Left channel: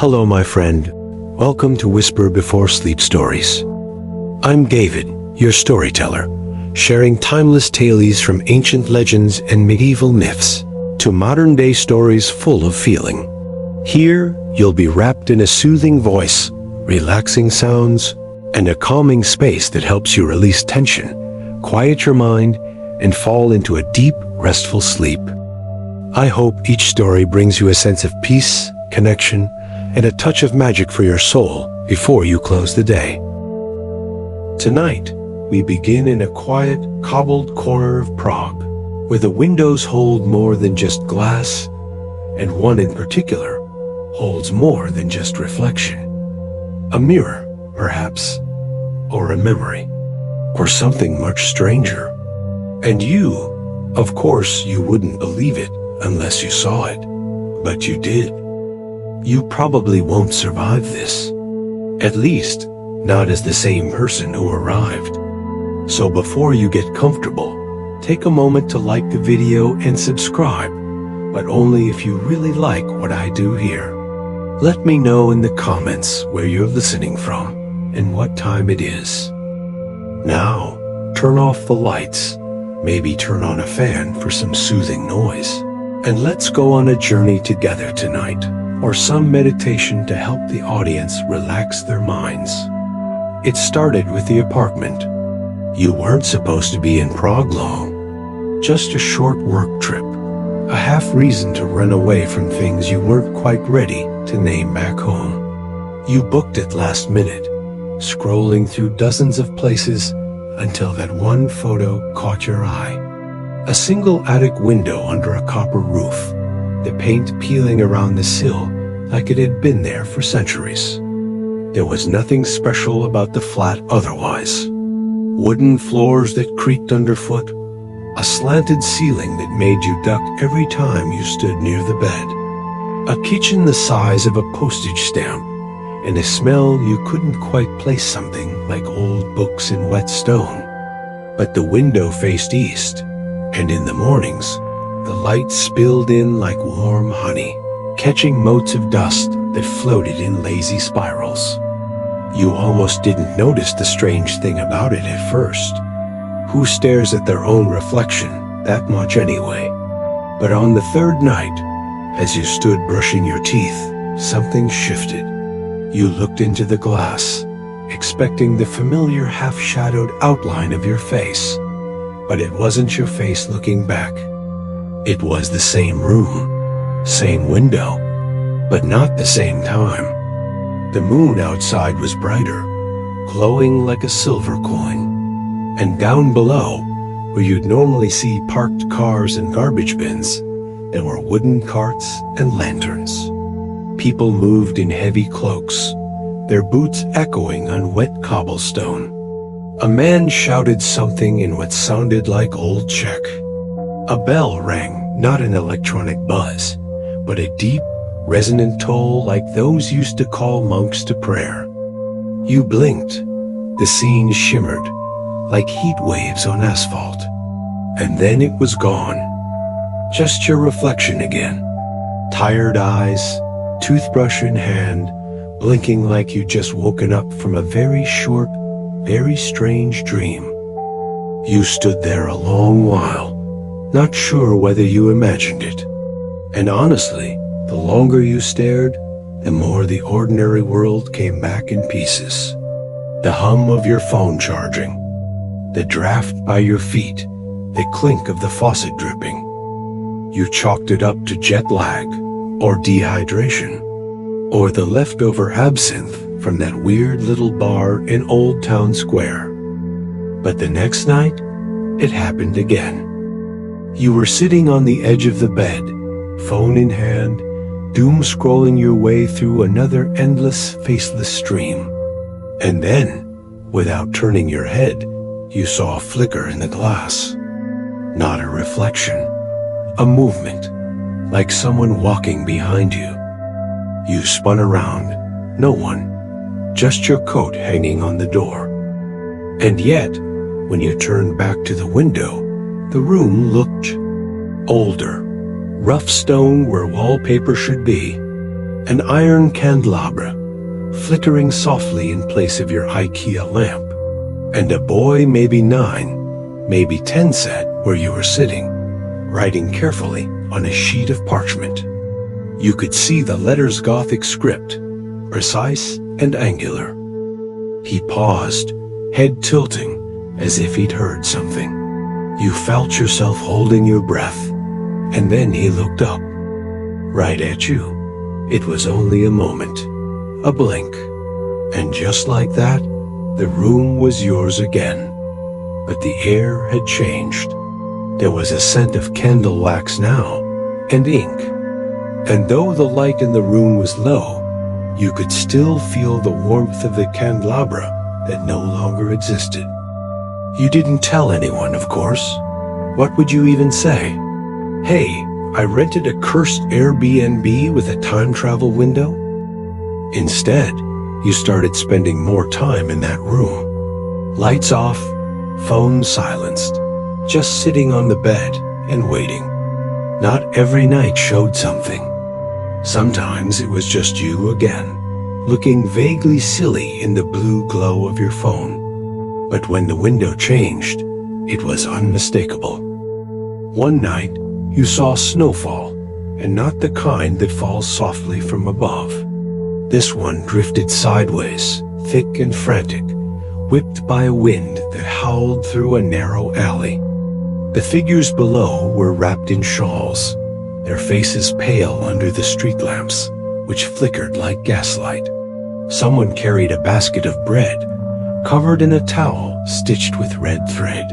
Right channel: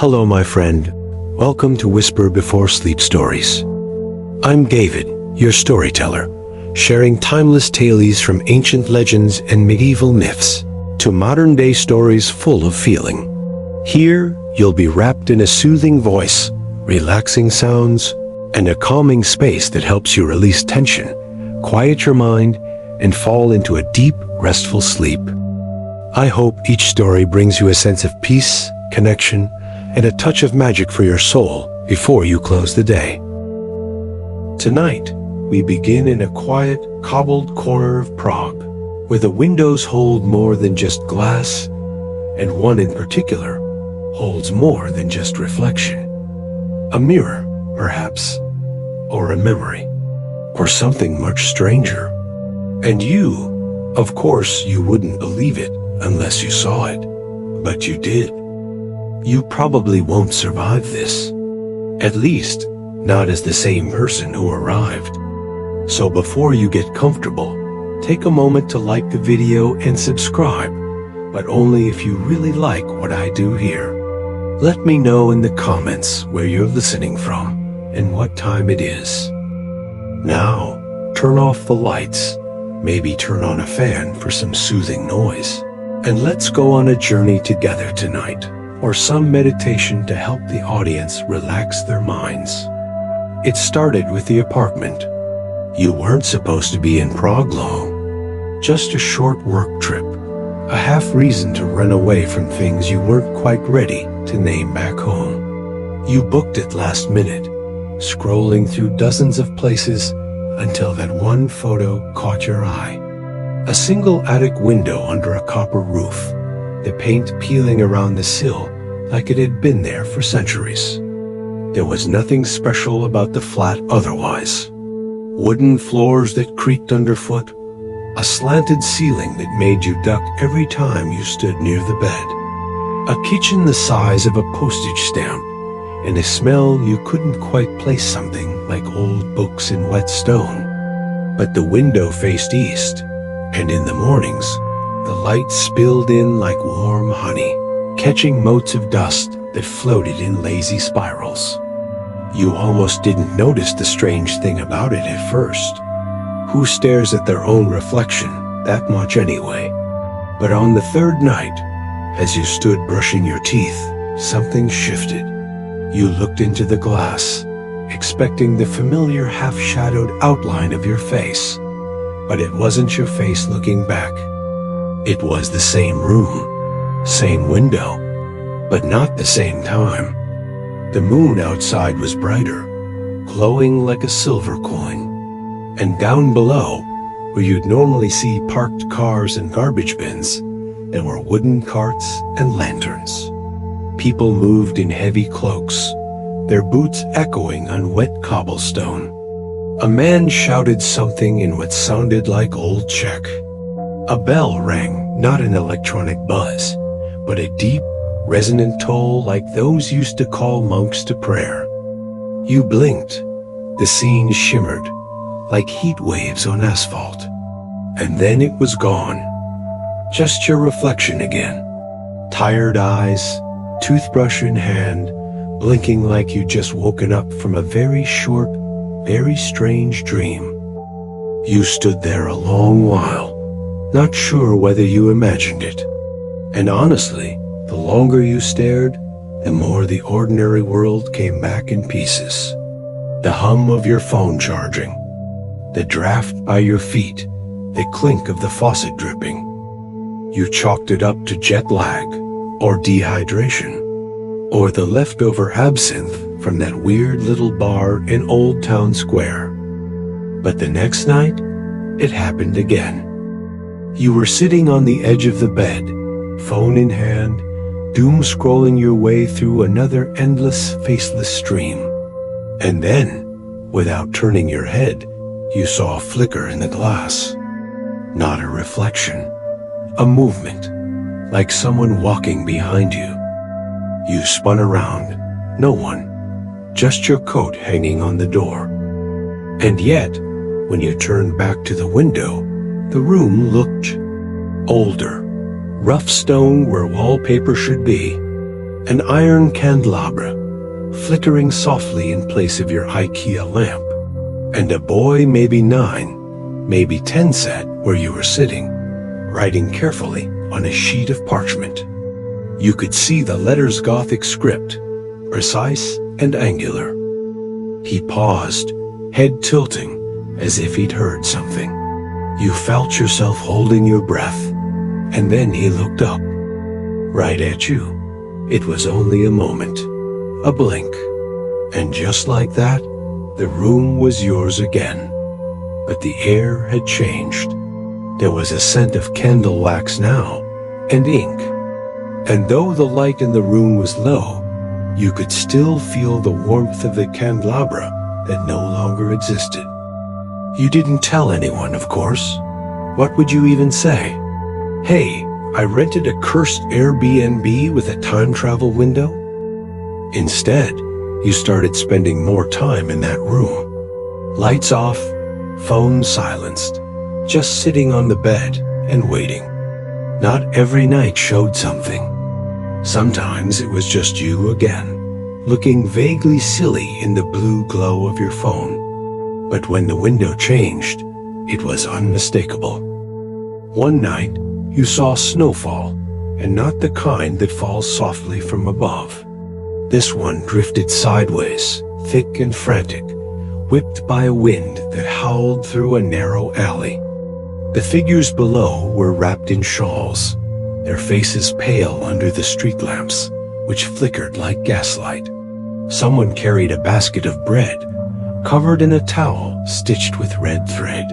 Hello, my friend. Welcome to Whisper Before Sleep Stories. I'm David, your storyteller, sharing timeless tales from ancient legends and medieval myths to modern-day stories full of feeling. Here, you'll be wrapped in a soothing voice, relaxing sounds, and a calming space that helps you release tension, quiet your mind, and fall into a deep, restful sleep. I hope each story brings you a sense of peace, connection, and a touch of magic for your soul before you close the day. Tonight, we begin in a quiet, cobbled corner of Prague, where the windows hold more than just glass, and one in particular holds more than just reflection. A mirror, perhaps, or a memory, or something much stranger. And you, of course, you wouldn't believe it unless you saw it, but you did. You probably won't survive this. At least, not as the same person who arrived. So before you get comfortable, take a moment to like the video and subscribe, but only if you really like what I do here. Let me know in the comments where you're listening from and what time it is. Now, turn off the lights, maybe turn on a fan for some soothing noise, and let's go on a journey together tonight, or some meditation to help the audience relax their minds. It started with the apartment. You weren't supposed to be in Prague long. Just a short work trip, a half reason to run away from things you weren't quite ready to name back home. You booked it last minute, scrolling through dozens of places until that one photo caught your eye. A single attic window under a copper roof, the paint peeling around the sill like it had been there for centuries. There was nothing special about the flat otherwise. Wooden floors that creaked underfoot, a slanted ceiling that made you duck every time you stood near the bed, a kitchen the size of a postage stamp, and a smell you couldn't quite place something like old books in wet stone. But the window faced east, and in the mornings, the light spilled in like warm honey, catching motes of dust that floated in lazy spirals. You almost didn't notice the strange thing about it at first. Who stares at their own reflection that much anyway? But on the third night, as you stood brushing your teeth, something shifted. You looked into the glass, expecting the familiar half-shadowed outline of your face, but it wasn't your face looking back. It was the same room, same window, but not the same time. The moon outside was brighter, glowing like a silver coin. And down below, where you'd normally see parked cars and garbage bins, there were wooden carts and lanterns. People moved in heavy cloaks, their boots echoing on wet cobblestone. A man shouted something in what sounded like Old Czech. A bell rang, not an electronic buzz, but a deep, resonant toll like those used to call monks to prayer. You blinked. The scene shimmered, like heat waves on asphalt. And then it was gone. Just your reflection again. Tired eyes, toothbrush in hand, blinking like you'd just woken up from a very short, very strange dream. You stood there a long while, not sure whether you imagined it. And honestly, the longer you stared, the more the ordinary world came back in pieces. The hum of your phone charging, the draft by your feet, the clink of the faucet dripping. You chalked it up to jet lag, or dehydration, or the leftover absinthe from that weird little bar in Old Town Square. But the next night, it happened again. You were sitting on the edge of the bed, phone in hand, doom scrolling your way through another endless, faceless stream. And then, without turning your head, you saw a flicker in the glass. Not a reflection, a movement, like someone walking behind you. You spun around, no one, just your coat hanging on the door. And yet, when you turned back to the window, the room looked older, rough stone where wallpaper should be, An iron candelabra, flickering softly in place of your IKEA lamp. And a boy, maybe 9, maybe 10, sat where you were sitting, writing carefully on a sheet of parchment. You could see the letters' Gothic script, precise and angular. He paused, head tilting, as if he'd heard something. You felt yourself holding your breath, and then he looked up, right at you. It was only a moment, a blink, and just like that, the room was yours again. But the air had changed. There was a scent of candle wax now, and ink. And though the light in the room was low, you could still feel the warmth of the candelabra that no longer existed. You didn't tell anyone, of course. What would you even say? Hey, I rented a cursed Airbnb with a time travel window? Instead, you started spending more time in that room. Lights off, phone silenced, just sitting on the bed and waiting. Not every night showed something. Sometimes it was just you again, looking vaguely silly in the blue glow of your phone. But when the window changed, it was unmistakable. One night, you saw snowfall, and not the kind that falls softly from above. This one drifted sideways, thick and frantic, whipped by a wind that howled through a narrow alley. The figures below were wrapped in shawls, their faces pale under the street lamps, which flickered like gaslight. Someone carried a basket of bread, covered in a towel stitched with red thread.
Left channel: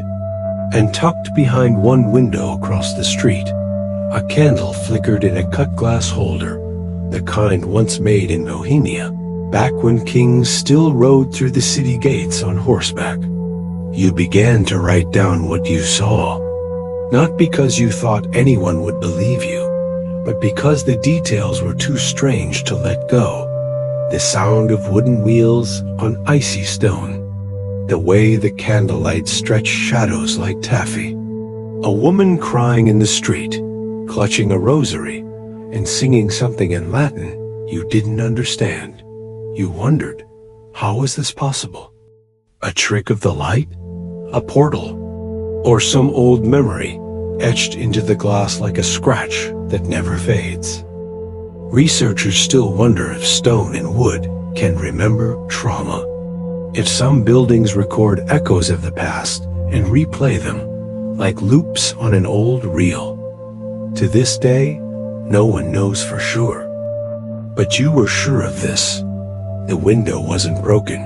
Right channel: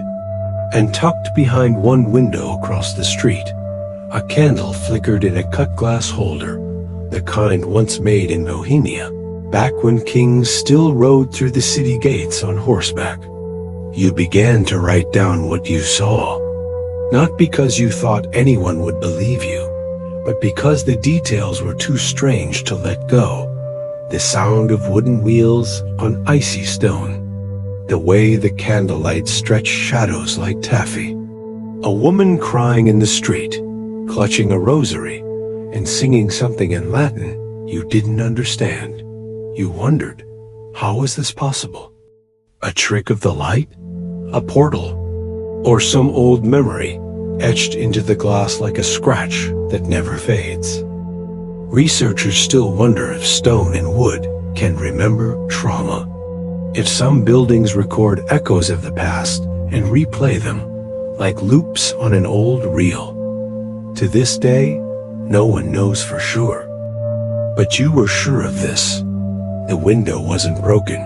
And tucked behind one window across the street, a candle flickered in a cut glass holder, the kind once made in Bohemia, back when kings still rode through the city gates on horseback. You began to write down what you saw, not because you thought anyone would believe you, but because the details were too strange to let go. The sound of wooden wheels on icy stone, the way the candlelight stretched shadows like taffy, a woman crying in the street, clutching a rosary, and singing something in Latin you didn't understand. You wondered, how was this possible? A trick of the light? A portal? Or some old memory etched into the glass like a scratch that never fades? Researchers still wonder if stone and wood can remember trauma. If some buildings record echoes of the past and replay them like loops on an old reel. To this day, no one knows for sure. But you were sure of this. The window wasn't broken.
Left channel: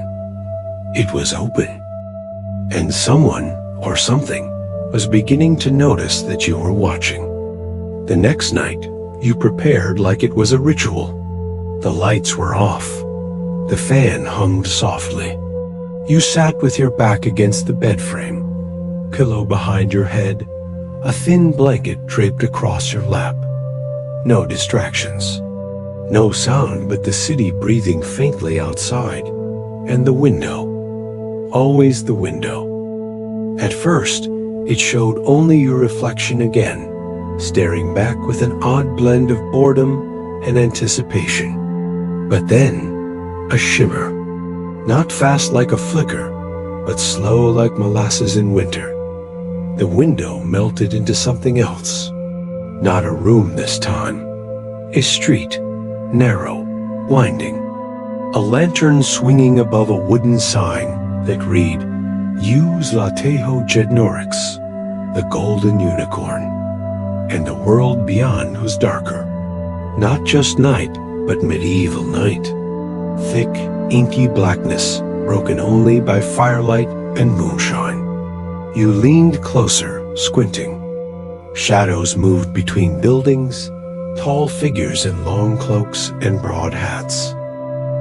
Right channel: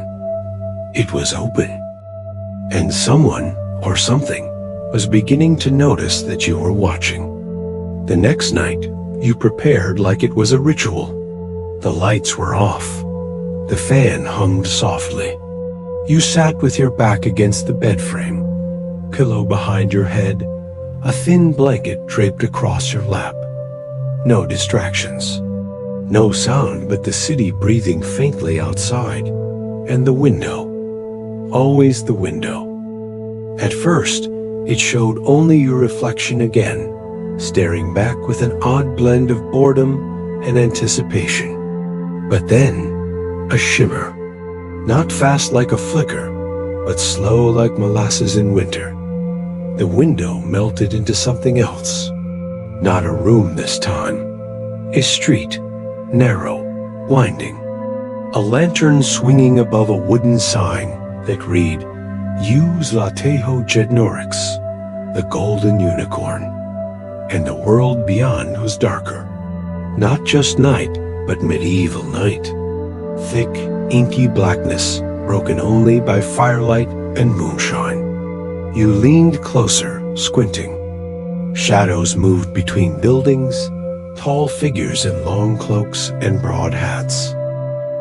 It was open. And someone, or something, was beginning to notice that you were watching. The next night, you prepared like it was a ritual. The lights were off. The fan hummed softly. You sat with your back against the bed frame, pillow behind your head, a thin blanket draped across your lap. No distractions. No sound but the city breathing faintly outside, and the window. Always the window. At first, it showed only your reflection again, staring back with an odd blend of boredom and anticipation. But then, a shimmer. Not fast like a flicker, but slow like molasses in winter. The window melted into something else. Not a room this time. A street, narrow, winding. A lantern swinging above a wooden sign that read, Use Latejo Jednorix, the golden unicorn. And the world beyond was darker. Not just night, but medieval night. Thick, inky blackness, broken only by firelight and moonshine. You leaned closer, squinting. Shadows moved between buildings, tall figures in long cloaks and broad hats.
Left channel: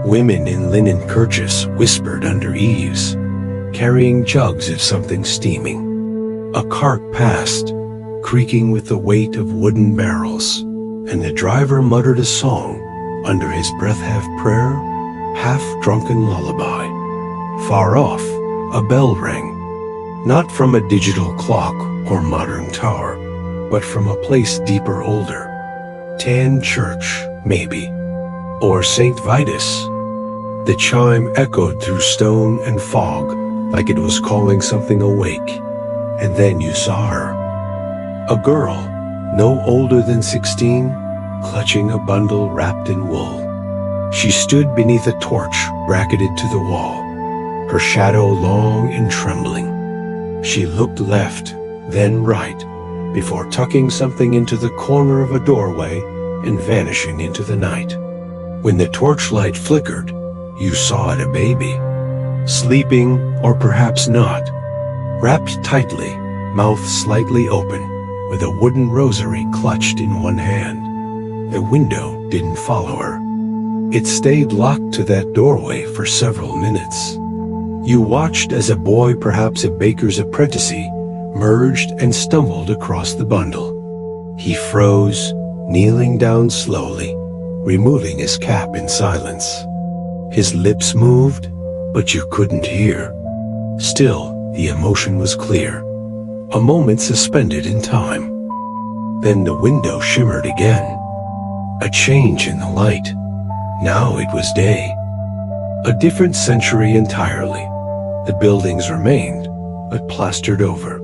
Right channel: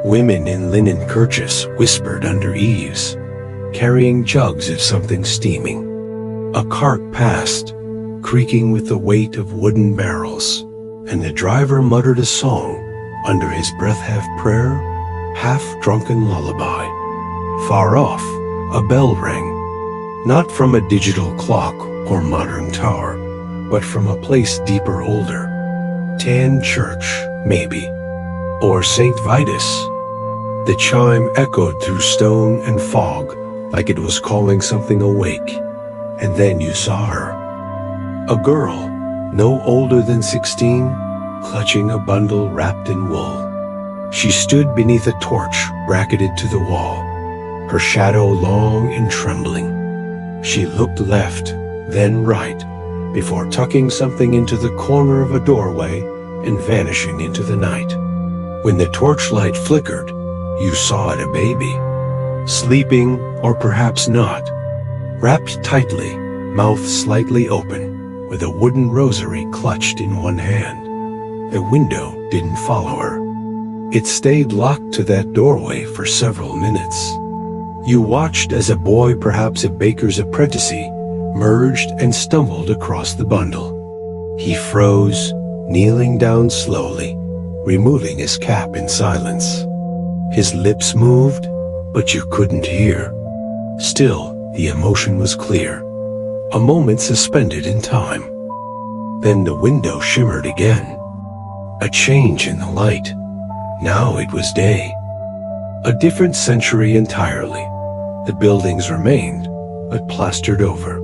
Women in linen kerchiefs whispered under eaves, carrying jugs of something steaming. A cart passed, creaking with the weight of wooden barrels, and the driver muttered a song, under his breath half prayer, half-drunken lullaby. Far off, a bell rang, not from a digital clock or modern tower, but from a place deeper older. Tan church, maybe. Or Saint Vitus. The chime echoed through stone and fog like it was calling something awake. And then you saw her. A girl, no older than 16, clutching a bundle wrapped in wool. She stood beneath a torch bracketed to the wall, her shadow long and trembling. She looked left, then right, before tucking something into the corner of a doorway and vanishing into the night. When the torchlight flickered, you saw it a baby. Sleeping, or perhaps not, wrapped tightly, mouth slightly open, with a wooden rosary clutched in one hand. The window didn't follow her. It stayed locked to that doorway for several minutes. You watched as a boy, perhaps a baker's apprentice, merged and stumbled across the bundle. He froze, kneeling down slowly, removing his cap in silence. His lips moved, but you couldn't hear. Still, the emotion was clear, a moment suspended in time. Then the window shimmered again. A change in the light. Now it was day. A different century entirely. The buildings remained, but plastered over.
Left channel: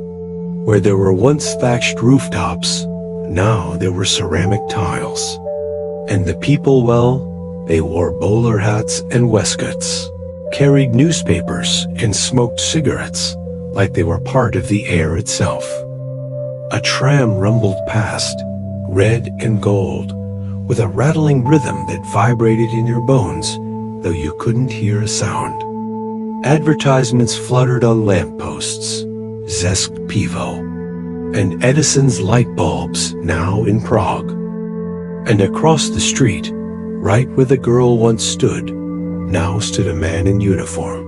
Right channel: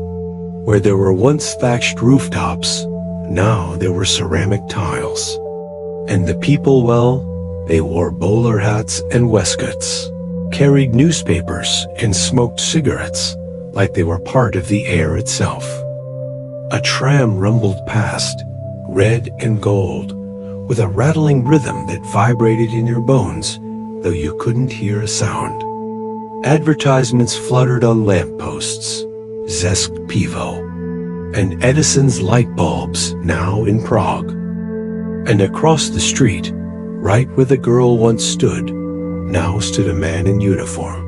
Where there were once thatched rooftops, now there were ceramic tiles. And the people, well, they wore bowler hats and waistcoats, carried newspapers and smoked cigarettes like they were part of the air itself. A tram rumbled past, red and gold, with a rattling rhythm that vibrated in your bones, though you couldn't hear a sound. Advertisements fluttered on lampposts, Zesk Pivo, and Edison's light bulbs now in Prague. And across the street, right where the girl once stood, now stood a man in uniform.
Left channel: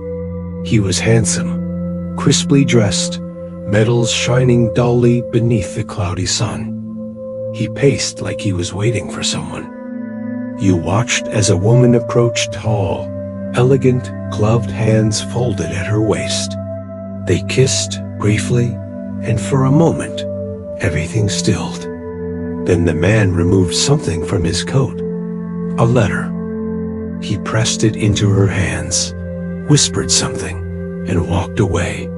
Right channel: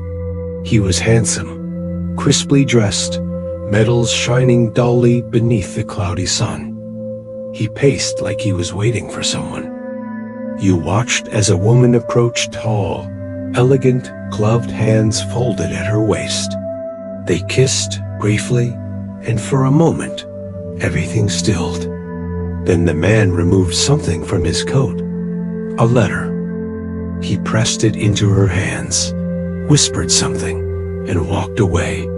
He was handsome, crisply dressed, medals shining dully beneath the cloudy sun. He paced like he was waiting for someone. You watched as a woman approached, tall, elegant, gloved hands folded at her waist. They kissed briefly, and for a moment, everything stilled. Then the man removed something from his coat, a letter. He pressed it into her hands, whispered something, and walked away.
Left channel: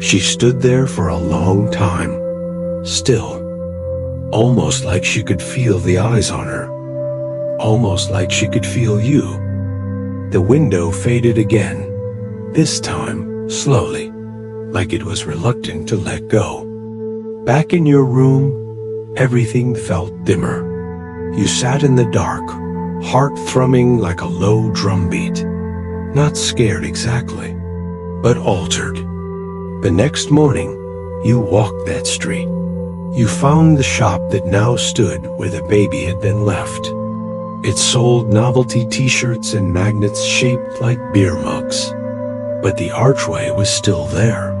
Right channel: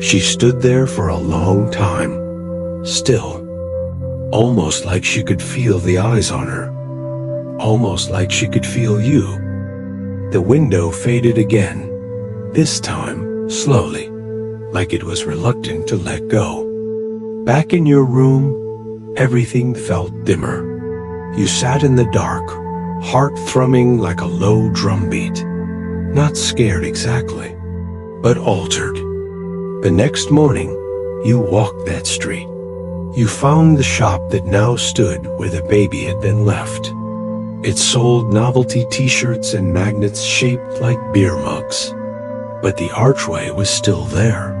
She stood there for a long time, still, almost like she could feel the eyes on her, almost like she could feel you. The window faded again, this time slowly, like it was reluctant to let go. Back in your room, everything felt dimmer. You sat in the dark, heart thrumming like a low drumbeat, not scared exactly, but altered. The next morning, you walked that street. You found the shop that now stood where the baby had been left. It sold novelty t-shirts and magnets shaped like beer mugs. But the archway was still there,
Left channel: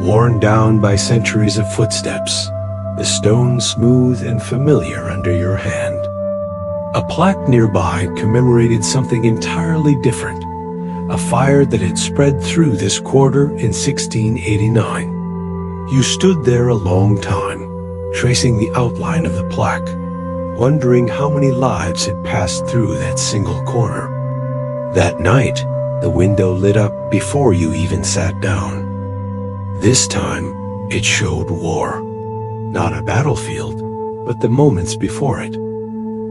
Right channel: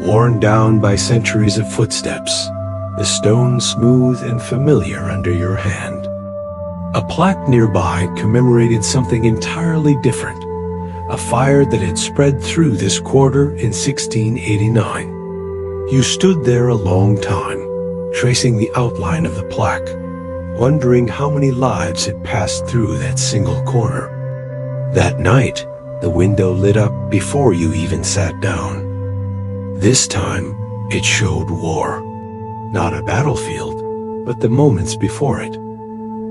worn down by centuries of footsteps, the stone smooth and familiar under your hand. A plaque nearby commemorated something entirely different, a fire that had spread through this quarter in 1689. You stood there a long time, tracing the outline of the plaque, wondering how many lives had passed through that single corner. That night, the window lit up before you even sat down. This time, it showed war. Not a battlefield, but the moments before it.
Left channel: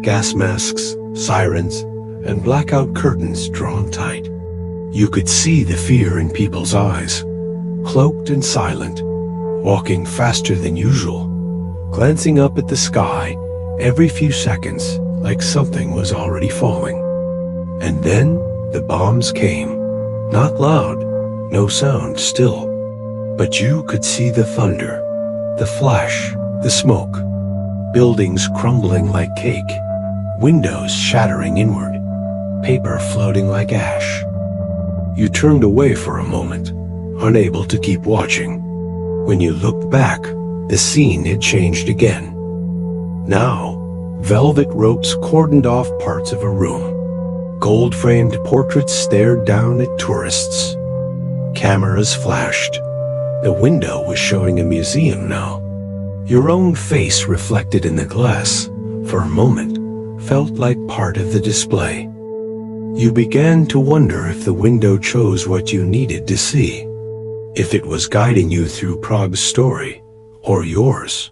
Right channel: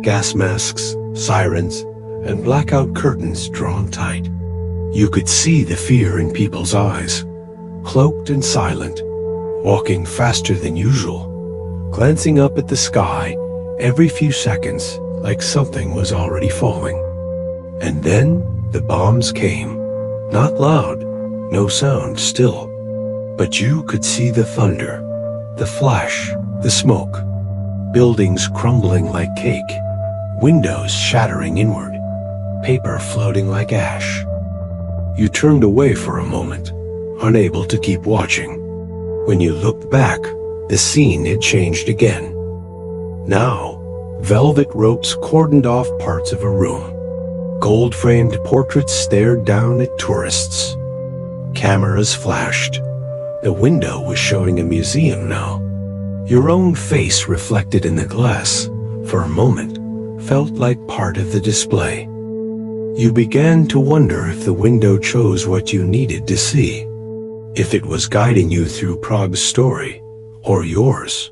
Gas masks, sirens, and blackout curtains drawn tight. You could see the fear in people's eyes, cloaked and silent, walking faster than usual, glancing up at the sky every few seconds like something was already falling. And then the bombs came, not loud, no sound still, but you could see the thunder, the flash, the smoke, buildings crumbling like cake, windows shattering inward, paper floating like ash. You turned away for a moment, unable to keep watching. When you looked back, the scene had changed again. Now, velvet ropes cordoned off parts of a room. Gold-framed portraits stared down at tourists. Cameras flashed. The window was showing a museum now. Your own face reflected in the glass, for a moment, felt like part of the display. You began to wonder if the window chose what you needed to see, if it was guiding you through Prague's story, or yours.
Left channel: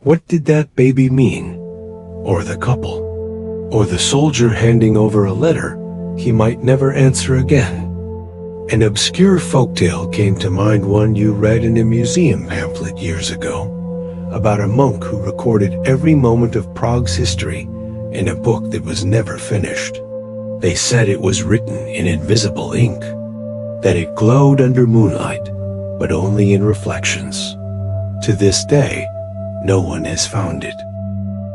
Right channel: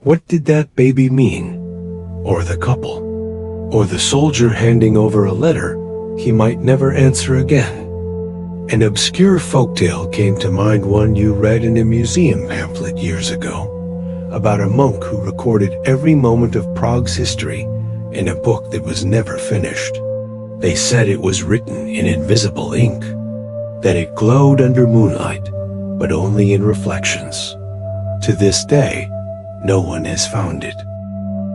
What did that baby mean? Or the couple? Or the soldier handing over a letter he might never answer again? An obscure folktale came to mind, one you read in a museum pamphlet years ago, about a monk who recorded every moment of Prague's history in a book that was never finished. They said it was written in invisible ink, that it glowed under moonlight, but only in reflections. To this day, no one has found it.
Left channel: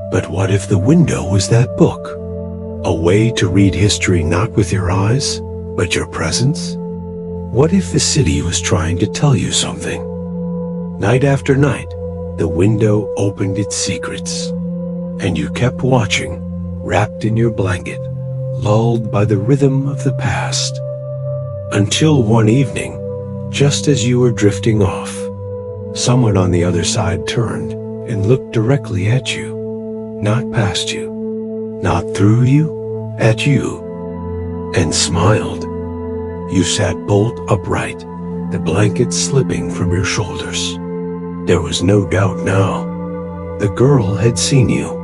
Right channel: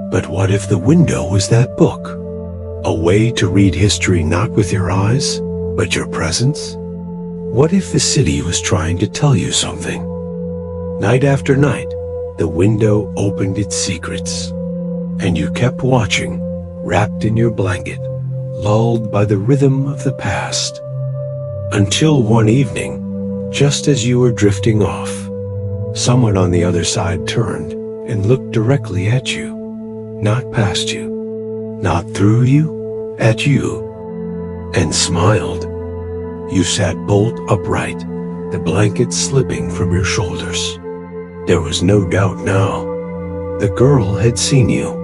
But what if the window was that book? A way to read history not with your eyes, but your presence? What if the city was trying to tell you something? Night after night, the window opened its secrets, and you kept watching, wrapped in your blanket, lulled by the rhythm of the past. Until one evening, just as you were drifting off, someone on the other side turned and looked directly at you, not past you, not through you, at you, and smiled. You sat bolt upright, the blanket slipping from your shoulders. There was no doubt now. The girl had seen you.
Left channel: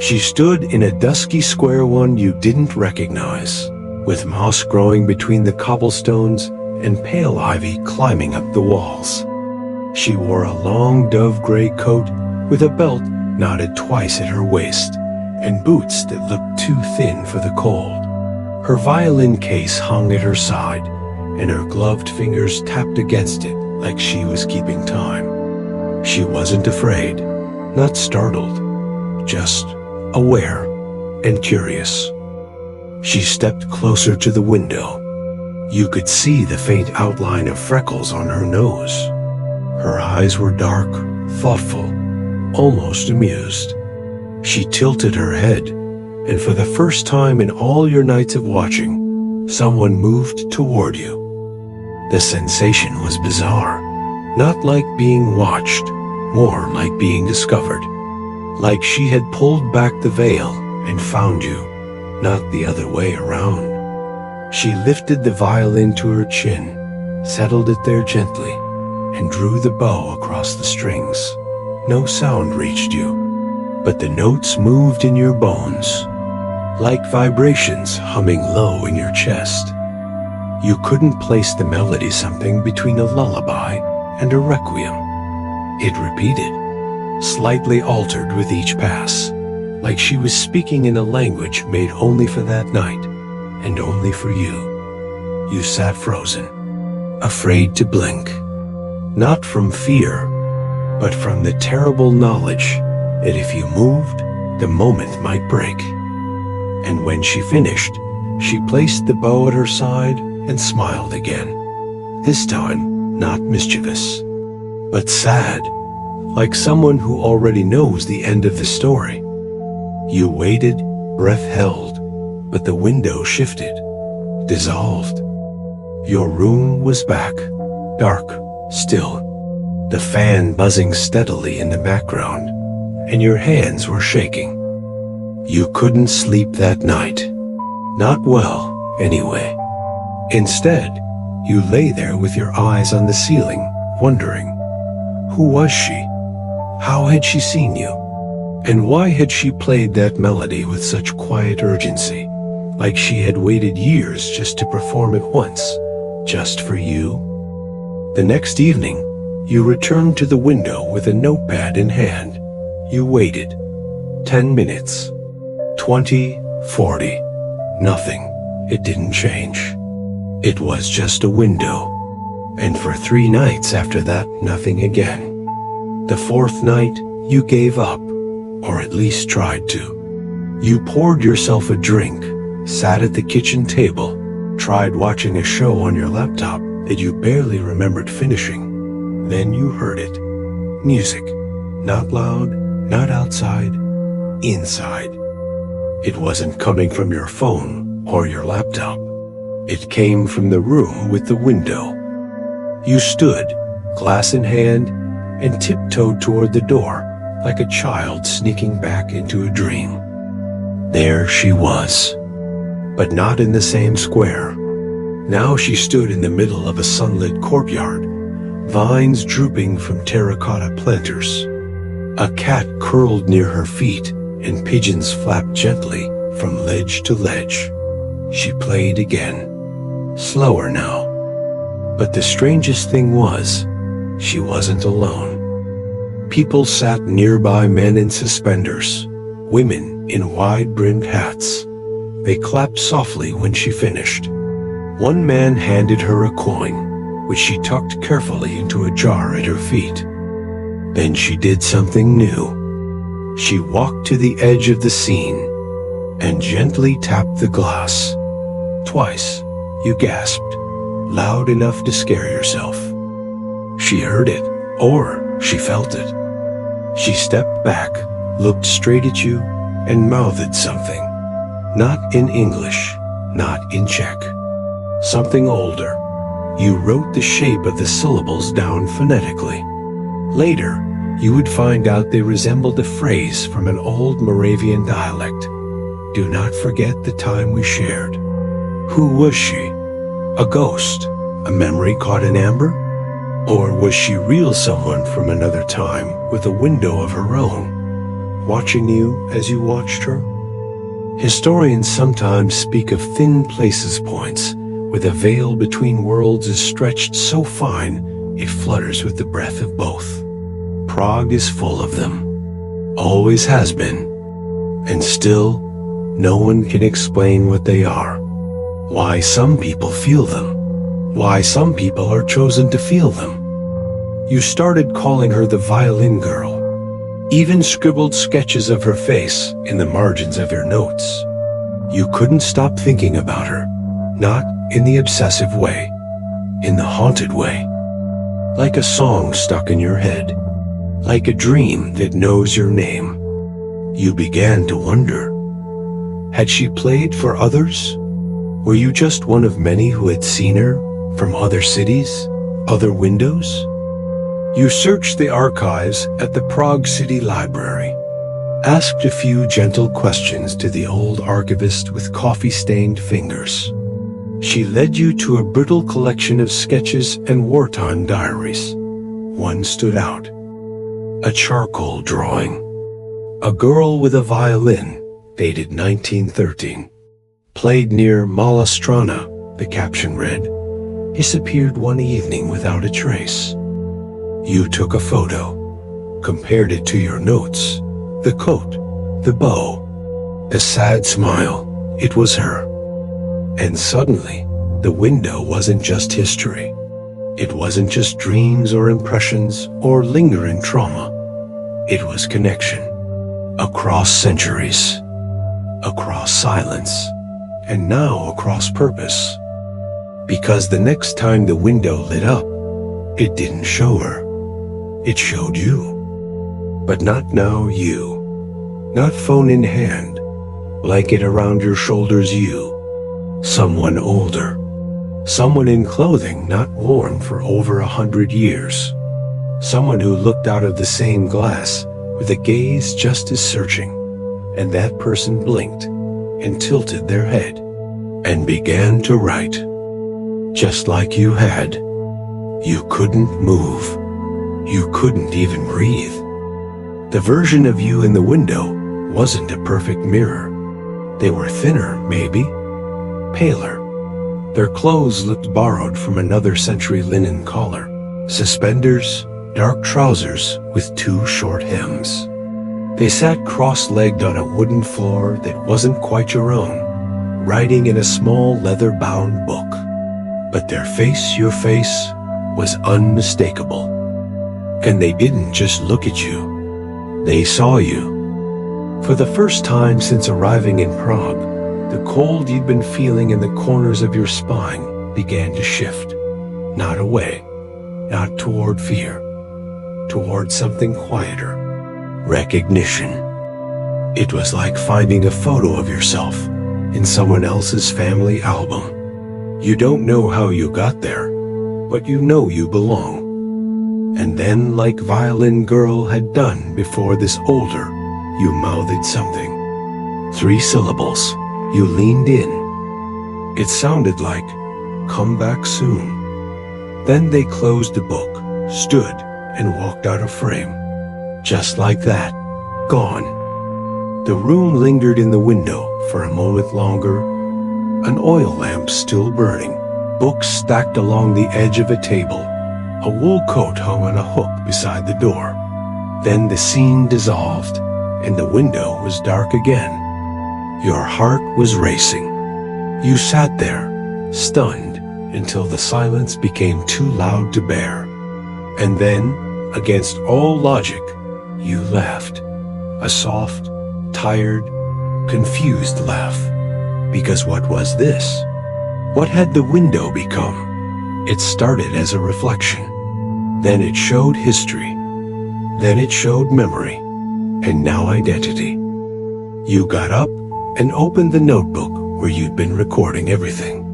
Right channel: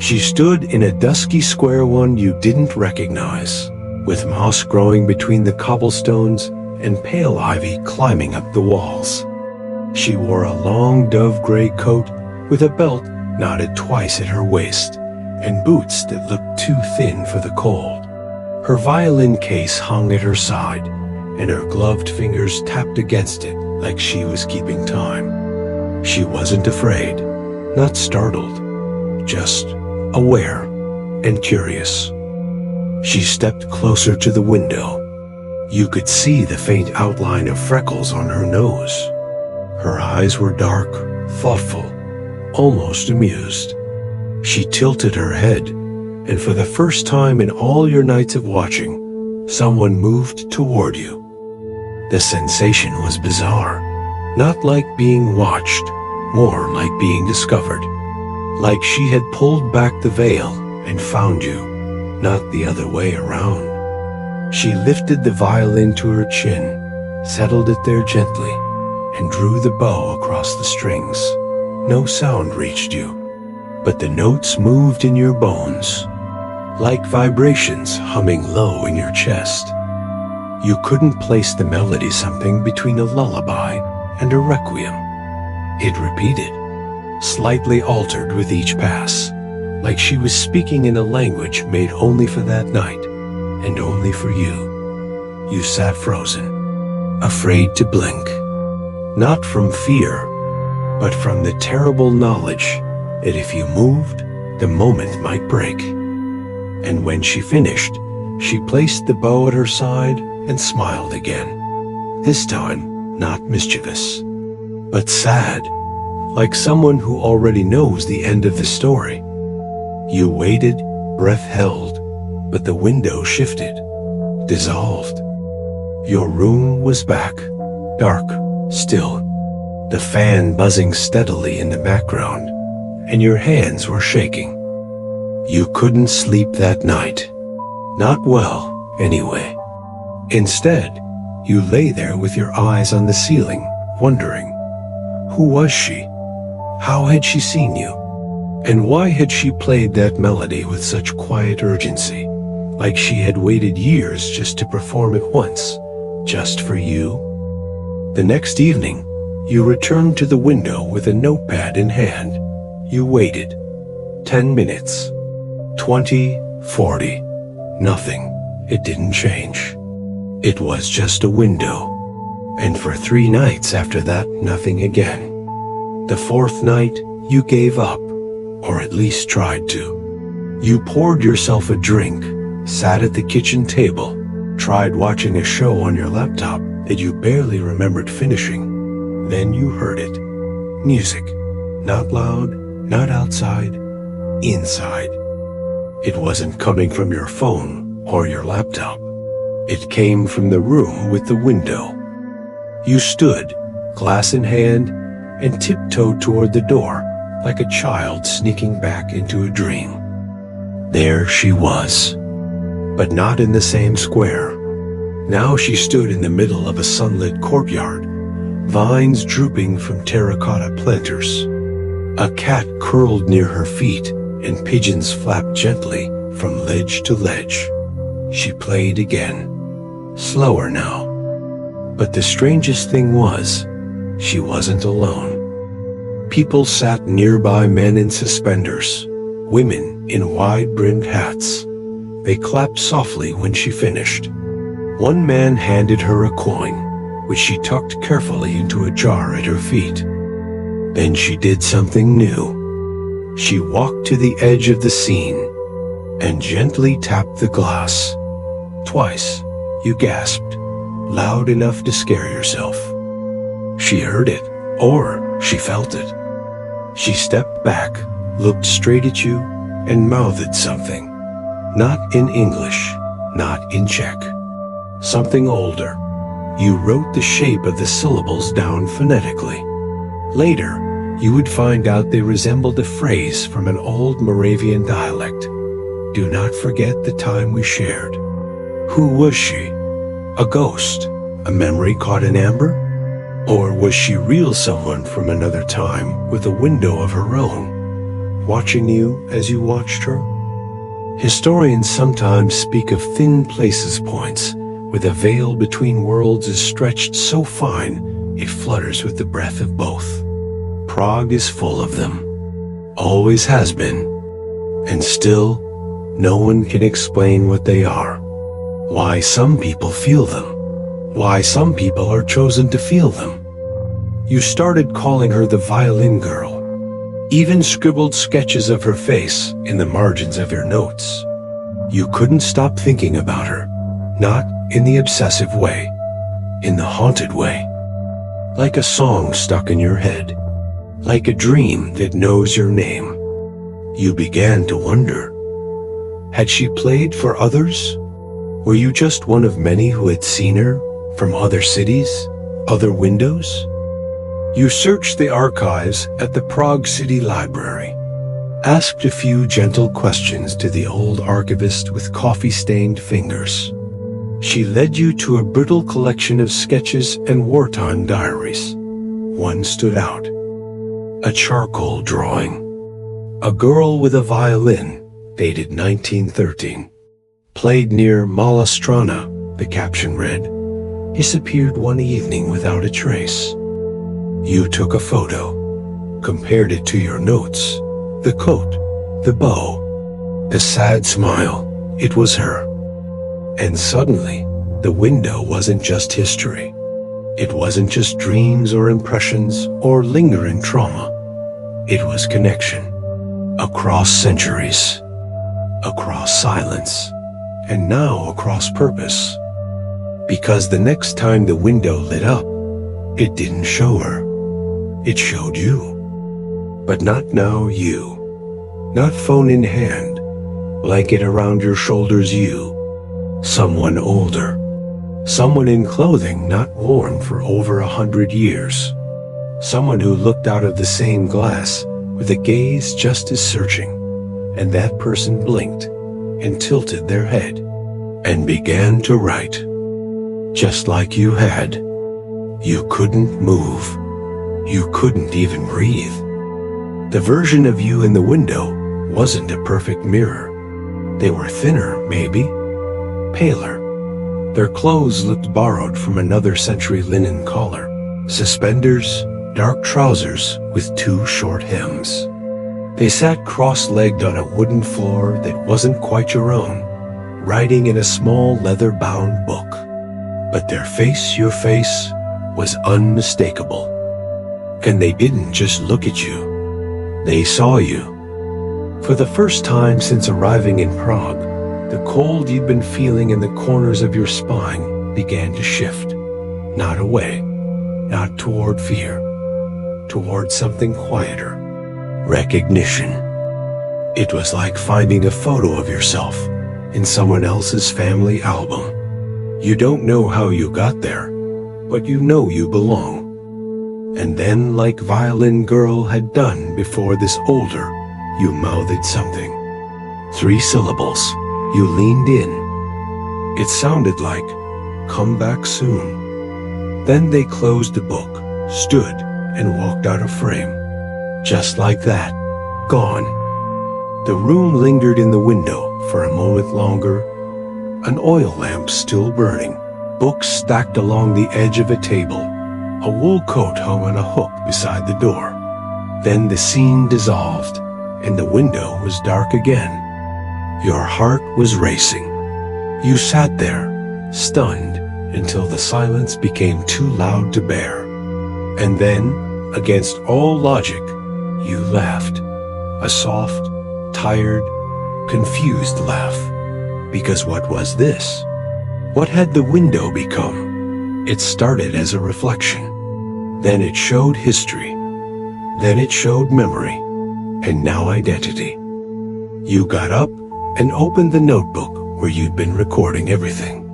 She stood in a dusky square one you didn't recognize, with moss growing between the cobblestones and pale ivy climbing up the walls. She wore a long dove-gray coat with a belt knotted twice at her waist, and boots that looked too thin for the cold. Her violin case hung at her side, and her gloved fingers tapped against it like she was keeping time. She wasn't afraid, not startled, just aware and curious. She stepped closer to the window. You could see the faint outline of freckles on her nose. Her eyes were dark, thoughtful, almost amused. She tilted her head, and for the first time in all your nights of watching, someone moved toward you. The sensation was bizarre, not like being watched, more like being discovered. Like she had pulled back the veil and found you, not the other way around. She lifted the violin to her chin, settled it there gently, and drew the bow across the strings. No sound reached you, but the notes moved in your bones, like vibrations humming low in your chest. You couldn't place the melody, something between a lullaby and a requiem. It repeated, slightly altered with each pass, like she was speaking in a language made only for that night and only for you. You sat frozen, afraid to blink, not from fear, but from the terrible knowledge that if you moved, the moment might break. And when she finished, she placed the bow at her side and smiled again, this time not mischievous, but sad, like someone who already knows the end of the story. You waited, breath held, but the window shifted, dissolved. Your room was back, dark, still, the fan buzzing steadily in the background, and your hands were shaking. You couldn't sleep that night. Not well, anyway. Instead, you lay there with your eyes on the ceiling, wondering, who was she? How had she seen you? And why had she played that melody with such quiet urgency, like she had waited years just to perform it once, just for you? The next evening, you returned to the window with a notepad in hand. You waited. 10 minutes. 20, 40. Nothing. It didn't change. It was just a window. And for 3 nights after that, nothing again. The 4th night, you gave up, or at least tried to. You poured yourself a drink, sat at the kitchen table, tried watching a show on your laptop that you barely remembered finishing. Then you heard it. Music. Not loud, not outside, inside. It wasn't coming from your phone or your laptop. It came from the room with the window. You stood, glass in hand, and tiptoed toward the door like a child sneaking back into a dream. There she was. but not in the same square. Now she stood in the middle of a sunlit courtyard, vines drooping from terracotta planters. A cat curled near her feet, and pigeons flapped gently from ledge to ledge. She played again, slower now. But the strangest thing was, she wasn't alone. People sat nearby, men in suspenders, women in wide-brimmed hats. They clapped softly when she finished. One man handed her a coin, which she tucked carefully into a jar at her feet. Then she did something new. She walked to the edge of the scene and gently tapped the glass. Twice, you gasped, loud enough to scare yourself. She heard it, or she felt it. She stepped back, looked straight at you, and mouthed something. Not in English, not in Czech. Something older. You wrote the shape of the syllables down phonetically. Later, you would find out they resembled a phrase from an old Moravian dialect. Do not forget the time we shared. Who was she? A ghost? A memory caught in amber? Or was she real, someone from another time with a window of her own, watching you as you watched her? Historians sometimes speak of thin places points, where the veil between worlds is stretched so fine it flutters with the breath of both. Prague is full of them. Always has been. And still, no one can explain what they are. Why some people feel them. Why some people are chosen to feel them. You started calling her the violin girl. Even scribbled sketches of her face in the margins of your notes. You couldn't stop thinking about her. Not in the obsessive way. In the haunted way. Like a song stuck in your head. Like a dream that knows your name. You began to wonder. Had she played for others? Were you just one of many who had seen her from other cities, other windows? You searched the archives at the Prague City Library, asked a few gentle questions to the old archivist with coffee-stained fingers. She led you to a brittle collection of sketches and wartime diaries. One stood out. A charcoal drawing. A girl with a violin, dated 1913. Played near Malastrana, the caption read. Disappeared one evening without a trace. You took a photo, compared it to your notes, the coat, the bow, the sad smile. It was her. And suddenly, the window wasn't just history. It wasn't just dreams or impressions or lingering trauma. It was connection. Across centuries. Across silence. And now across purpose. Because the next time the window lit up, it didn't show her. It showed you. But not now you. Not phone in hand. Blanket around your shoulders you. Someone older. Someone in clothing not worn for over 100 years. Someone who looked out of the same glass with a gaze just as searching. And that person blinked and tilted their head and began to write. Just like you had. You couldn't move. You couldn't even breathe. The version of you in the window wasn't a perfect mirror. They were thinner, maybe. Paler. Their clothes looked borrowed from another century linen collar. Suspenders, dark trousers with 2 short hems. They sat cross-legged on a wooden floor that wasn't quite your own, writing in a small leather-bound book. But their face, your face, was unmistakable. And they didn't just look at you. They saw you. For the first time since arriving in Prague, the cold you'd been feeling in the corners of your spine began to shift. Not away, not toward fear, toward something quieter. Recognition. It was like finding a photo of yourself in someone else's family album. You don't know how you got there, but you know you belong. And then, like Violin Girl had done before this older, you mouthed something. 3 syllables. You leaned in, It sounded like, "Come back soon." Then they closed the book, stood, and walked out of frame. Just like that, gone. The room lingered in the window for a moment longer, an oil lamp still burning, books stacked along the edge of a table, a wool coat hung on a hook beside the door. Then the scene dissolved, and the window was dark again. Your heart was racing. You sat there, stunned, until the silence became too loud to bear. And then, against all logic, you laughed. A soft, tired, confused laugh. Because what was this? What had the window become? It started as a reflection. Then it showed history. Then it showed memory. And now identity. You got up and opened the notebook where you'd been recording everything.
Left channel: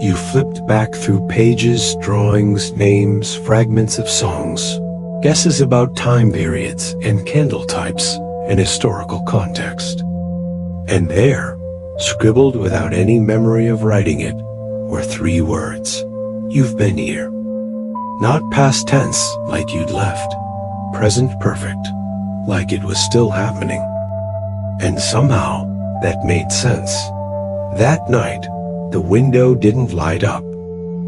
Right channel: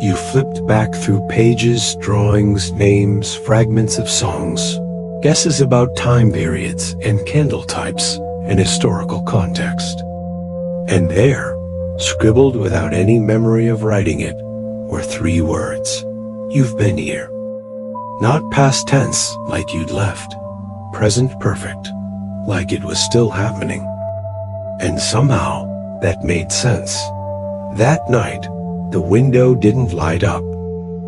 You flipped back through pages, drawings, names, fragments of songs, guesses about time periods and candle types and historical context. And there, scribbled without any memory of writing it, were 3 words. You've been here. Not past tense, like you'd left. Present perfect, like it was still happening. And somehow, that made sense. That night, the window didn't light up,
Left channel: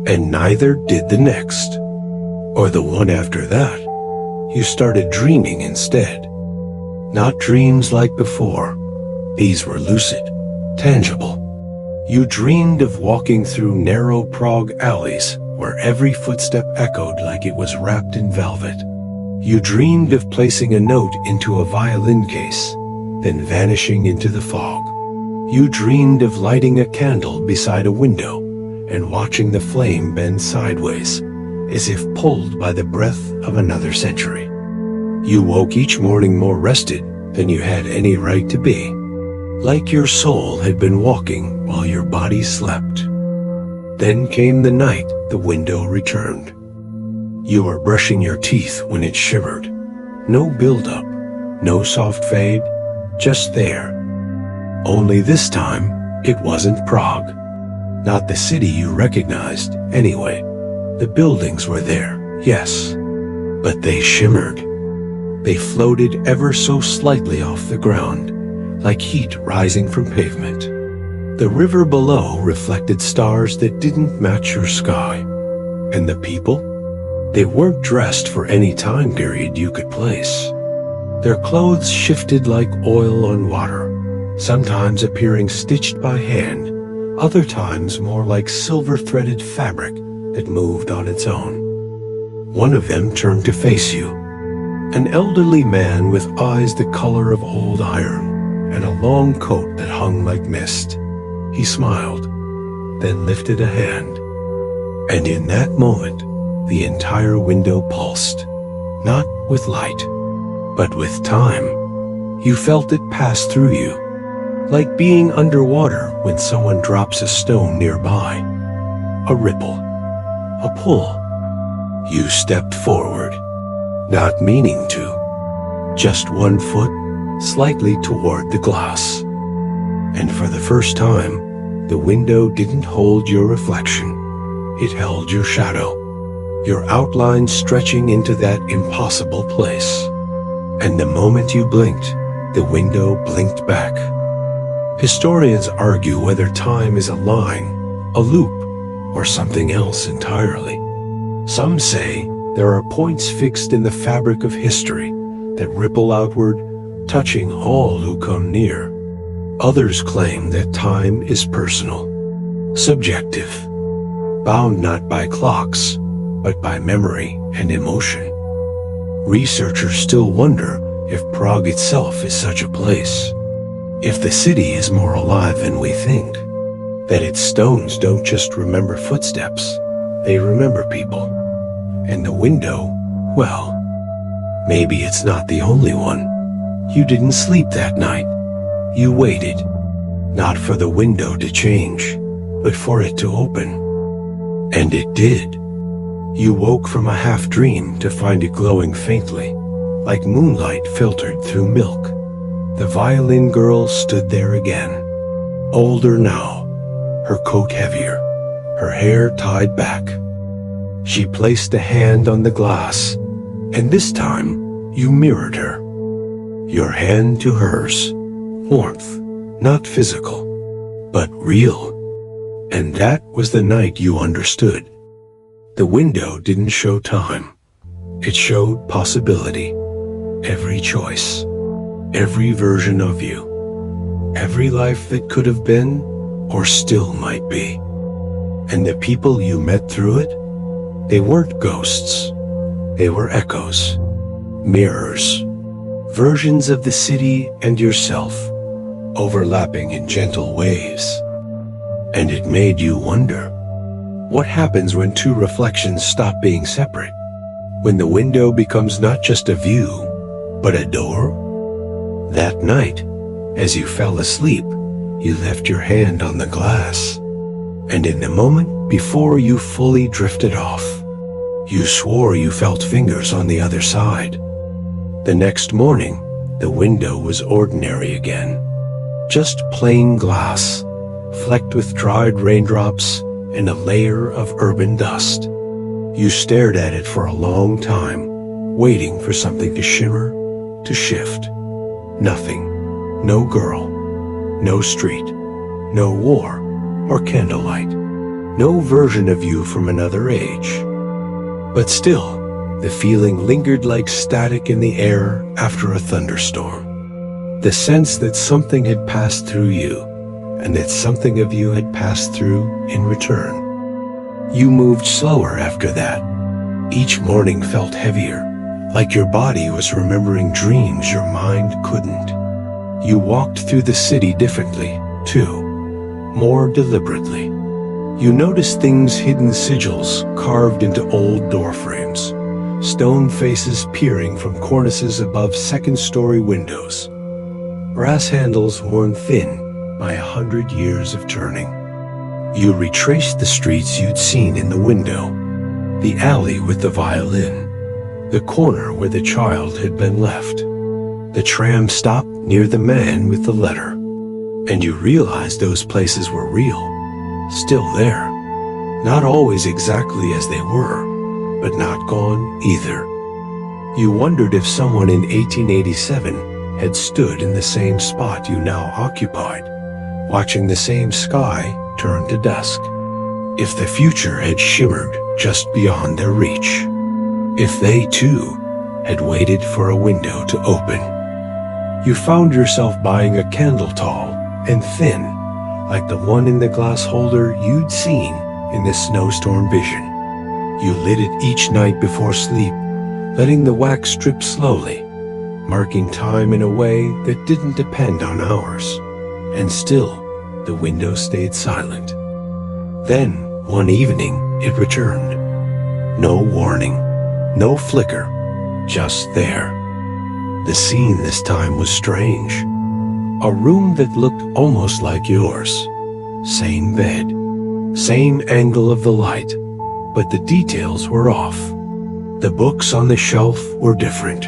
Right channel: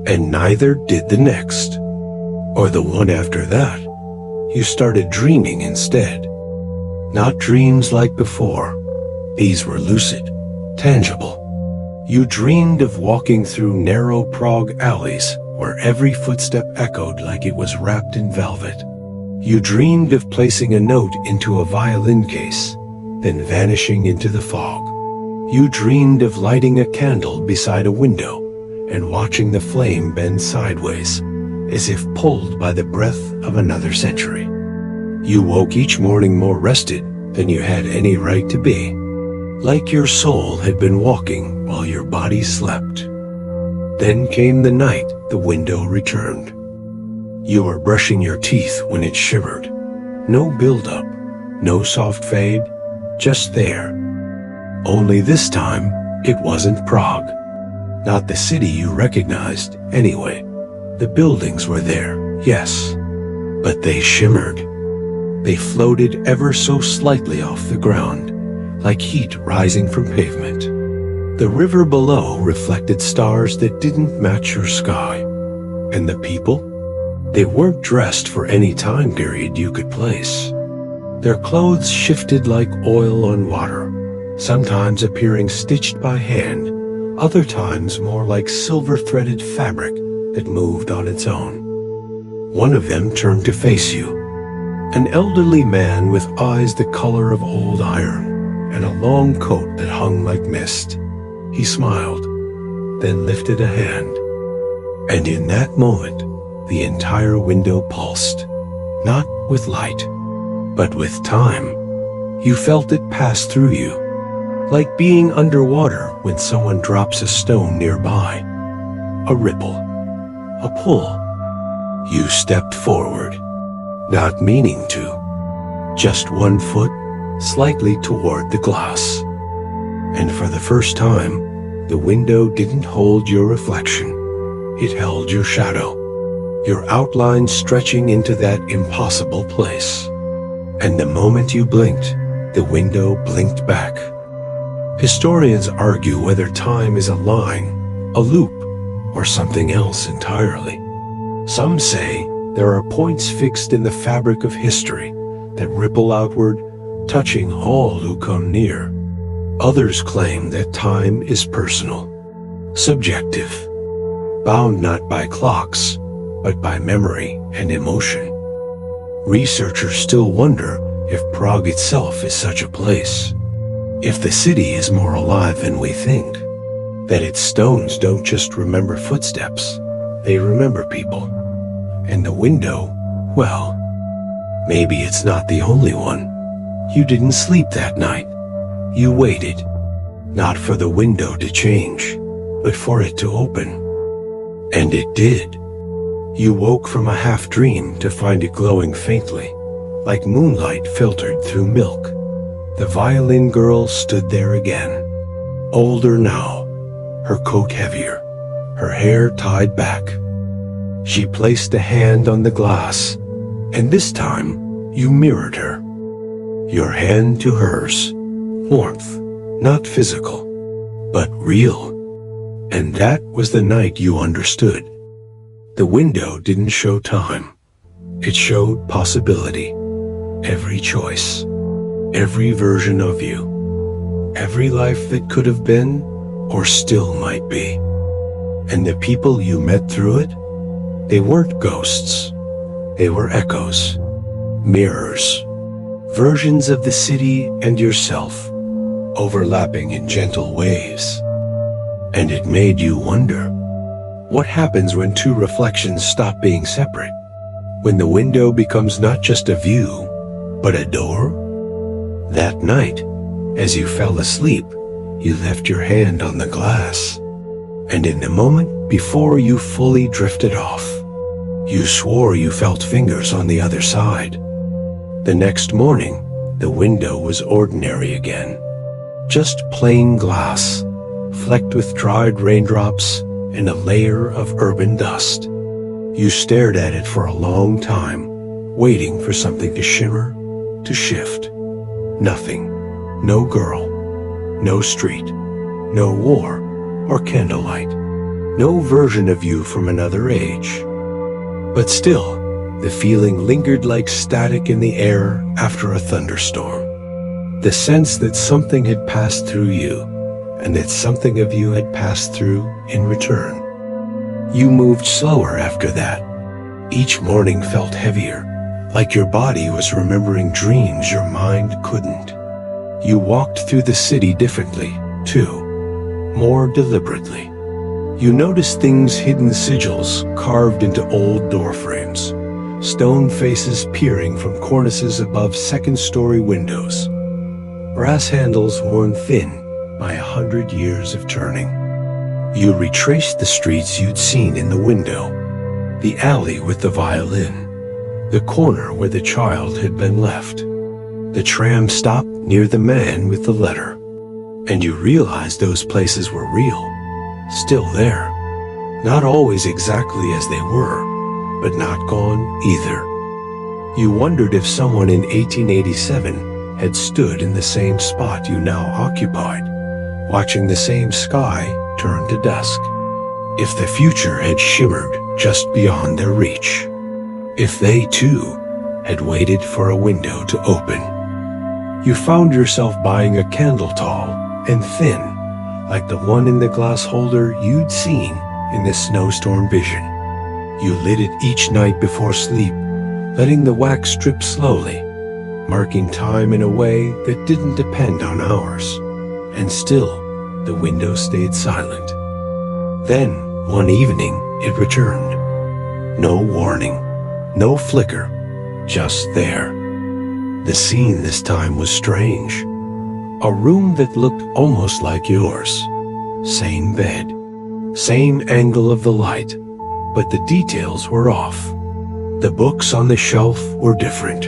and neither did the next. Or the one after that. You started dreaming instead. Not dreams like before. These were lucid, tangible. You dreamed of walking through narrow Prague alleys where every footstep echoed like it was wrapped in velvet. You dreamed of placing a note into a violin case, then vanishing into the fog. You dreamed of lighting a candle beside a window and watching the flame bend sideways, as if pulled by the breath of another century. You woke each morning more rested than you had any right to be, like your soul had been walking while your body slept. Then came the night the window returned. You were brushing your teeth when it shivered. No build-up, no soft fade, just there. Only this time, it wasn't Prague. Not the city you recognized, anyway. The buildings were there, yes, but they shimmered. They floated ever so slightly off the ground, like heat rising from pavement. The river below reflected stars that didn't match your sky. And the people? They weren't dressed for any time period you could place. Their clothes shifted like oil on water, sometimes appearing stitched by hand, other times more like silver-threaded fabric that moved on its own. One of them turned to face you, an elderly man with eyes the color of old iron and a long coat that hung like mist. He smiled, then lifted a hand, and in that moment, the entire window pulsed, not with light, but with time. You felt it pass through you, like being underwater when someone drops a stone nearby. A ripple, a pull. You stepped forward, not meaning to, just 1 foot, slightly toward the glass. And for the first time, the window didn't hold your reflection. It held your shadow, your outline stretching into that impossible place. And the moment you blinked, the window blinked back. Historians argue whether time is a line, a loop, or something else entirely. Some say there are points fixed in the fabric of history that ripple outward, touching all who come near. Others claim that time is personal, subjective, bound not by clocks, but by memory and emotion. Researchers still wonder if Prague itself is such a place, if the city is more alive than we think, that its stones don't just remember footsteps, they remember people. And the window, well, maybe it's not the only one. You didn't sleep that night. You waited, not for the window to change, but for it to open. And it did. You woke from a half-dream to find it glowing faintly, like moonlight filtered through milk. The violin girl stood there again, older now, her coat heavier, her hair tied back. She placed a hand on the glass, and this time you mirrored her. Your hand to hers, warmth, not physical, but real. And that was the night you understood. The window didn't show time. It showed possibility. Every choice, every version of you, every life that could have been or still might be. And the people you met through it, they weren't ghosts. They were echoes, mirrors, versions of the city and yourself, overlapping in gentle waves. And it made you wonder, what happens when two reflections stop being separate? When the window becomes not just a view, but a door? That night, as you fell asleep, you left your hand on the glass. And in the moment before you fully drifted off, you swore you felt fingers on the other side. The next morning, the window was ordinary again. Just plain glass, flecked with dried raindrops and a layer of urban dust. You stared at it for a long time, waiting for something to shimmer, to shift. Nothing. No girl. No street. No war or candlelight. No version of you from another age. But still, the feeling lingered like static in the air after a thunderstorm. The sense that something had passed through you, and that something of you had passed through in return. You moved slower after that. Each morning felt heavier, like your body was remembering dreams your mind couldn't. You walked through the city differently, too, more deliberately. You noticed things, hidden sigils carved into old door frames, stone faces peering from cornices above second-story windows, brass handles worn thin by 100 years of turning. You retraced the streets you'd seen in the window, the alley with the violin, the corner where the child had been left, the tram stop near the man with the letter. And you realized those places were real, still there. Not always exactly as they were, but not gone either. You wondered if someone in 1887 had stood in the same spot you now occupied, watching the same sky turn to dusk. If the future had shimmered just beyond their reach. If they, too, had waited for a window to open. You found yourself buying a candle tall and thin, like the one in the glass holder you'd seen in the snowstorm vision. You lit it each night before sleep, letting the wax drip slowly, marking time in a way that didn't depend on hours. And still, the window stayed silent. Then, one evening, it returned. No warning, no flicker, just there. The scene this time was strange. A room that looked almost like yours. Same bed, same angle of the light, but the details were off. The books on the shelf were different.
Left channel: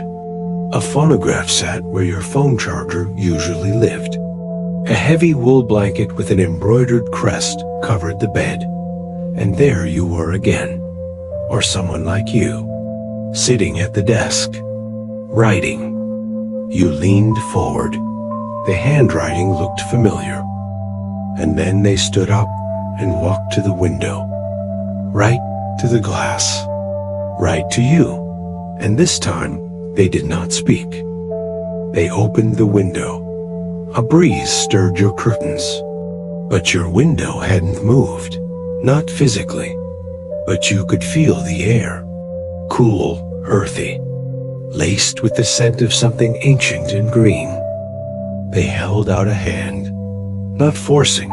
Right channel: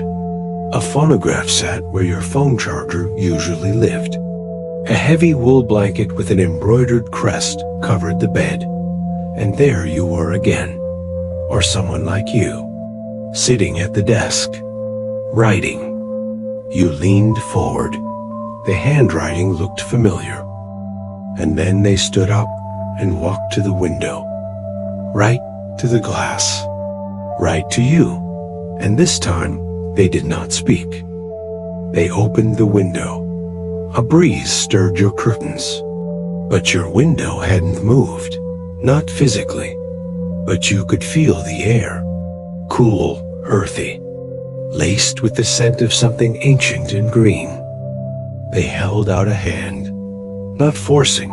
A phonograph sat where your phone charger usually lived. A heavy wool blanket with an embroidered crest covered the bed. And there you were again, or someone like you, sitting at the desk, writing. You leaned forward. The handwriting looked familiar. And then they stood up and walked to the window, right to the glass, right to you. And this time, they did not speak. They opened the window. A breeze stirred your curtains, but your window hadn't moved, not physically, but you could feel the air, cool, earthy, laced with the scent of something ancient and green. They held out a hand, not forcing,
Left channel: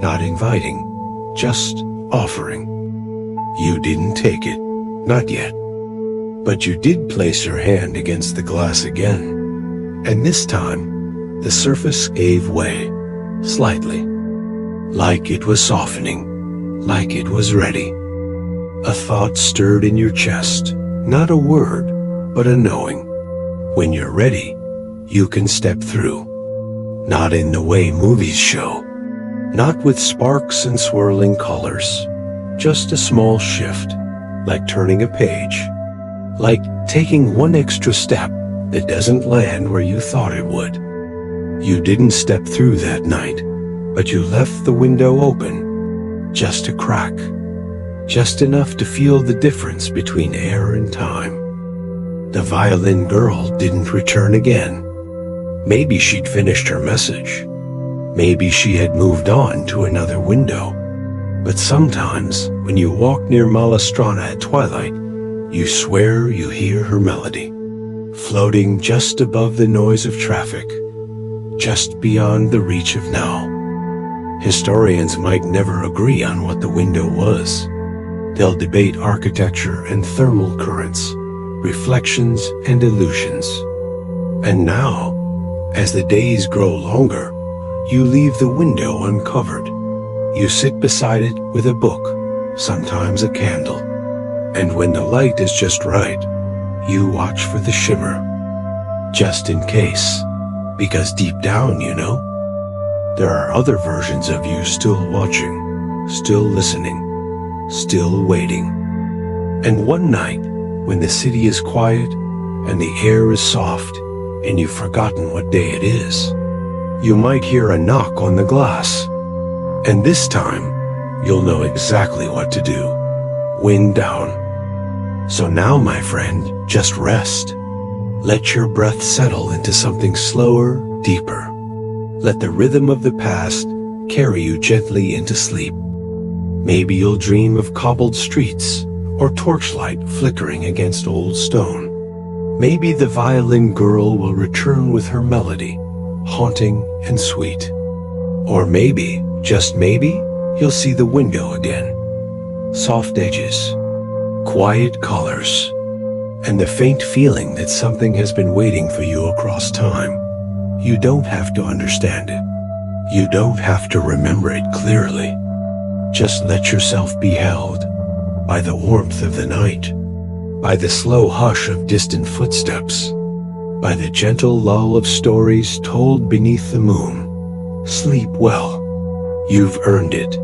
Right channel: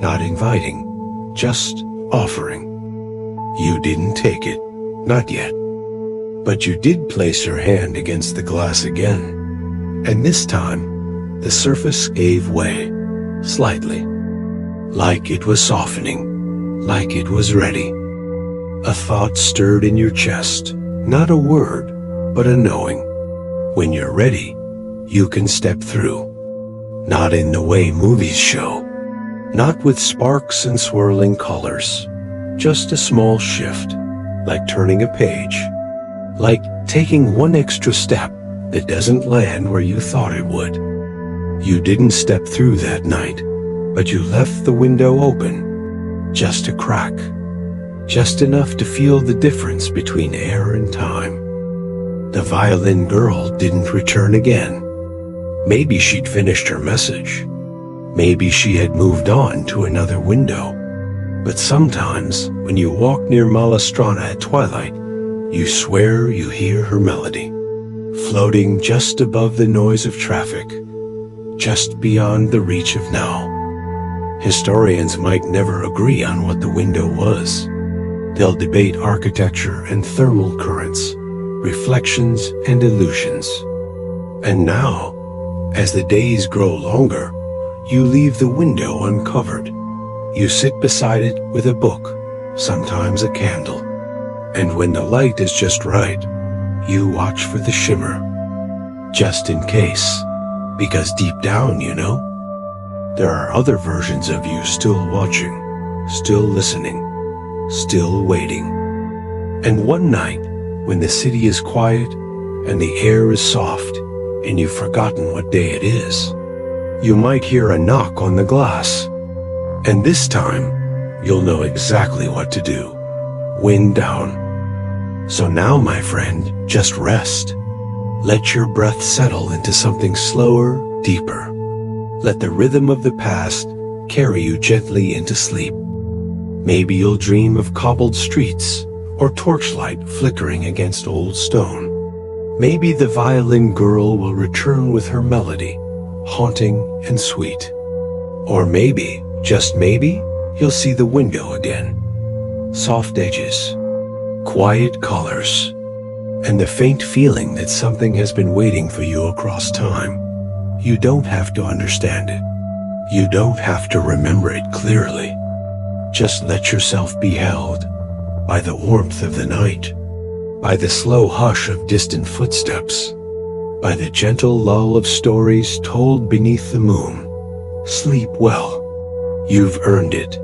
not inviting, just offering. You didn't take it, not yet, but you did place your hand against the glass again, and this time, the surface gave way, slightly, like it was softening, like it was ready. A thought stirred in your chest, not a word, but a knowing. When you're ready, you can step through. Not in the way movies show, Not with sparks and swirling colors, just a small shift, like turning a page, like taking one extra step that doesn't land where you thought it would. You didn't step through that night, but you left the window open, just a crack, just enough to feel the difference between air and time. The violin girl didn't return again. Maybe she'd finished her message. Maybe she had moved on to another window. But sometimes, when you walk near Malastrana at twilight, you swear you hear her melody, floating just above the noise of traffic, just beyond the reach of now. Historians might never agree on what the window was. They'll debate architecture and thermal currents, reflections and illusions. And now, as the days grow longer, you leave the window uncovered. You sit beside it with a book, sometimes a candle. And when the light is just right, you watch for the shimmer. Just in case, because deep down, you know, there are other versions of you still watching, still listening, still waiting. And one night, when the city is quiet and the air is soft and you've forgotten what day it is, you might hear a knock on the glass. And this time, you'll know exactly what to do. Wind down. So now, my friend, just rest. Let your breath settle into something slower, deeper. Let the rhythm of the past carry you gently into sleep. Maybe you'll dream of cobbled streets or torchlight flickering against old stone. Maybe the violin girl will return with her melody, haunting and sweet. Or maybe, just maybe, you'll see the window again. Soft edges, quiet colors, and the faint feeling that something has been waiting for you across time. You don't have to understand it. You don't have to remember it clearly. Just let yourself be held by the warmth of the night, by the slow hush of distant footsteps, by the gentle lull of stories told beneath the moon. Sleep well. You've earned it.